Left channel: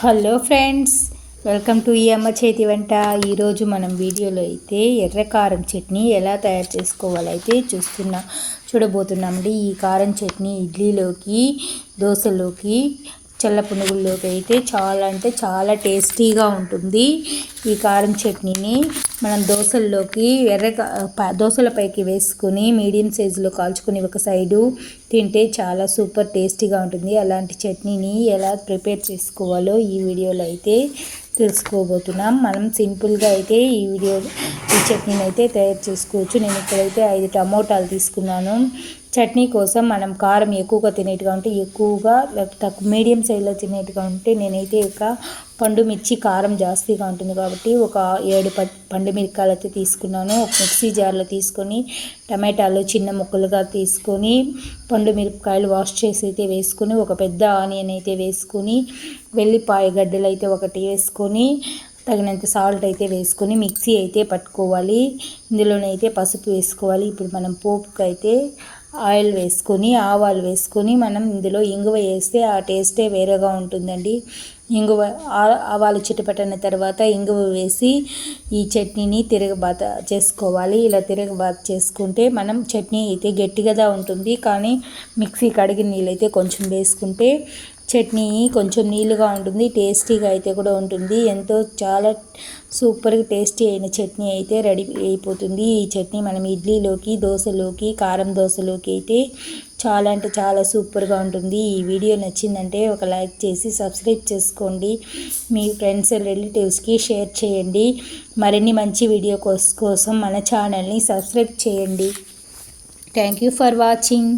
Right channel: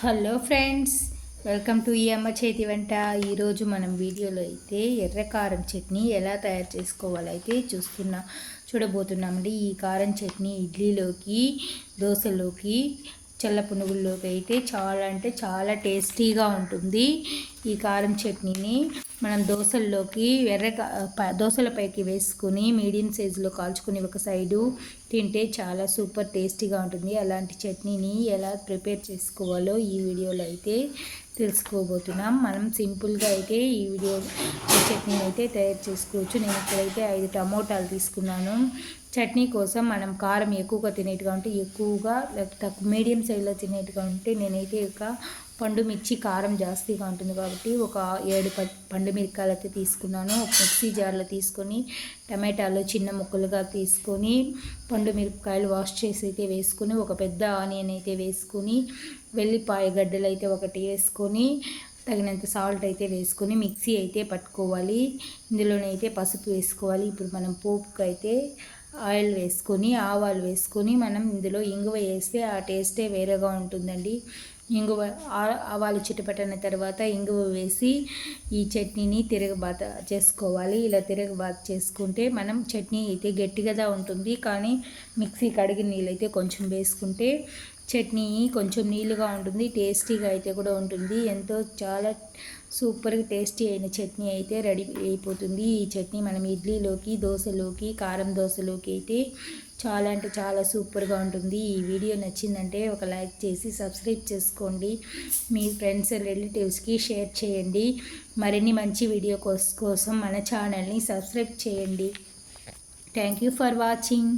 Hello friends, welcome to ఈ అమ్మ చేతి వంట. ఈరోజు మనం వీడియోలో అయితే ఎర్ర కారం చట్నీ ఎలా తయారు చేసుకోవాలైతే చూడబోతున్నామండి. ఈ కారం చట్నీ ఇడ్లీలోకి, దోశలోకి, చల్ల పునుగుల్లోకి అయితే చాలా అంటే చాలా టేస్టీగా ఉంటుంది. ఈ కారం చట్నీని మనం దోశల్లోకి దోశలపైకి వేసుకొని మీడియం సైజులో కాల్చుకొని ఒక సైడు తింటే చాలా సూపర్ టేస్టీగా ఉంటుంది. అలాంటి చట్నీని ఎలా ప్రిపేర్ చేసుకోవాలో ఈ వీడియోలో అయితే తెలుసుకోబోతున్నాం. మనం సింపుల్గా అయితే ఈ చట్నీని అయితే తయారు చేసుకోవచ్చు. నేను ఇక్కడైతే 5 టమోటాలు తీసుకున్నాను. చట్నీ కోసం మనం కారం ఎక్కువగా తినేట్టుగా ఉంటే ఎక్కువగా, తక్కువ మీడియం సైజులో తినేట్టుగా ఉంటే నేనైతే పండు మిర్చి కారం జాస్తిగా ఉంటుంది కాబట్టి ఒక 7 పండు మిరపకాయలు అయితే తీసుకున్నాను. ఒక మిక్సీ జార్లో తీసుకొని టమాటాలు చిన్న ముక్కలుగా తీసుకొని పండు మిరపకాయలు వాష్ చేసి అయితే వేసుకొని, ఒక పెద్ద ఆనియన్ అయితే వేసుకొని, వెల్లిపాయ గడ్డలు అయితే ఒకటి వేసుకొని, తగినంత సాల్ట్ అయితే వేసుకొని మిక్సీ అయితే పట్టుకోవాలి. ఇందులోనైతే పసుపు వేసుకోవాలి. ఇప్పుడు మనం పోపుకి అయితే ఆయిల్ వేసుకొని, ఆవాలు వేసుకొని, మనం ఇందులో ఇంగువ వేస్తే ఆ టేస్టే వేరేగా ఉంటుందండి. ఆవాలు చిటపటన తర్వాత ఇంగువ వేసి ఈ చట్నీని తిరగబాత చేసుకోవాలి. ఇలా తిరగబాత చేసుకుంటే మనం చట్నీ అయితే గట్టిగా ఉంటుంది, కానీ మిక్సీ కడిగిన నీళ్ళు అయితే కొంచెం వేసుకుంటే చట్నీ కొంచెం నీళ్ళుగా ఉంటుంది, టేస్టీగా అయితే కూడా ఉంటుంది. చాలా సూపర్గా టేస్టీ అయిన చట్నీ అయితే రెడీ అయిపోతుంది. ఈ చట్నీ మనం ఇడ్లీలోకి, దోశలోకి, కారం దోశలోకి అయితే చాలా అంటే చాలా సూపర్గా ఉంటుంది. ఈ వీడియో నచ్చిందంటే ఒక లైక్ చేసి సబ్స్క్రైబ్ చేసుకోండి. మీ ఫ్రెండ్స్ రిలేటివ్స్కి షేర్ చేయండి. మరిన్ని మంచి వీడియో కోసం మన ఛానల్ని సబ్స్క్రైబ్ చేయండి. Thank you for watching.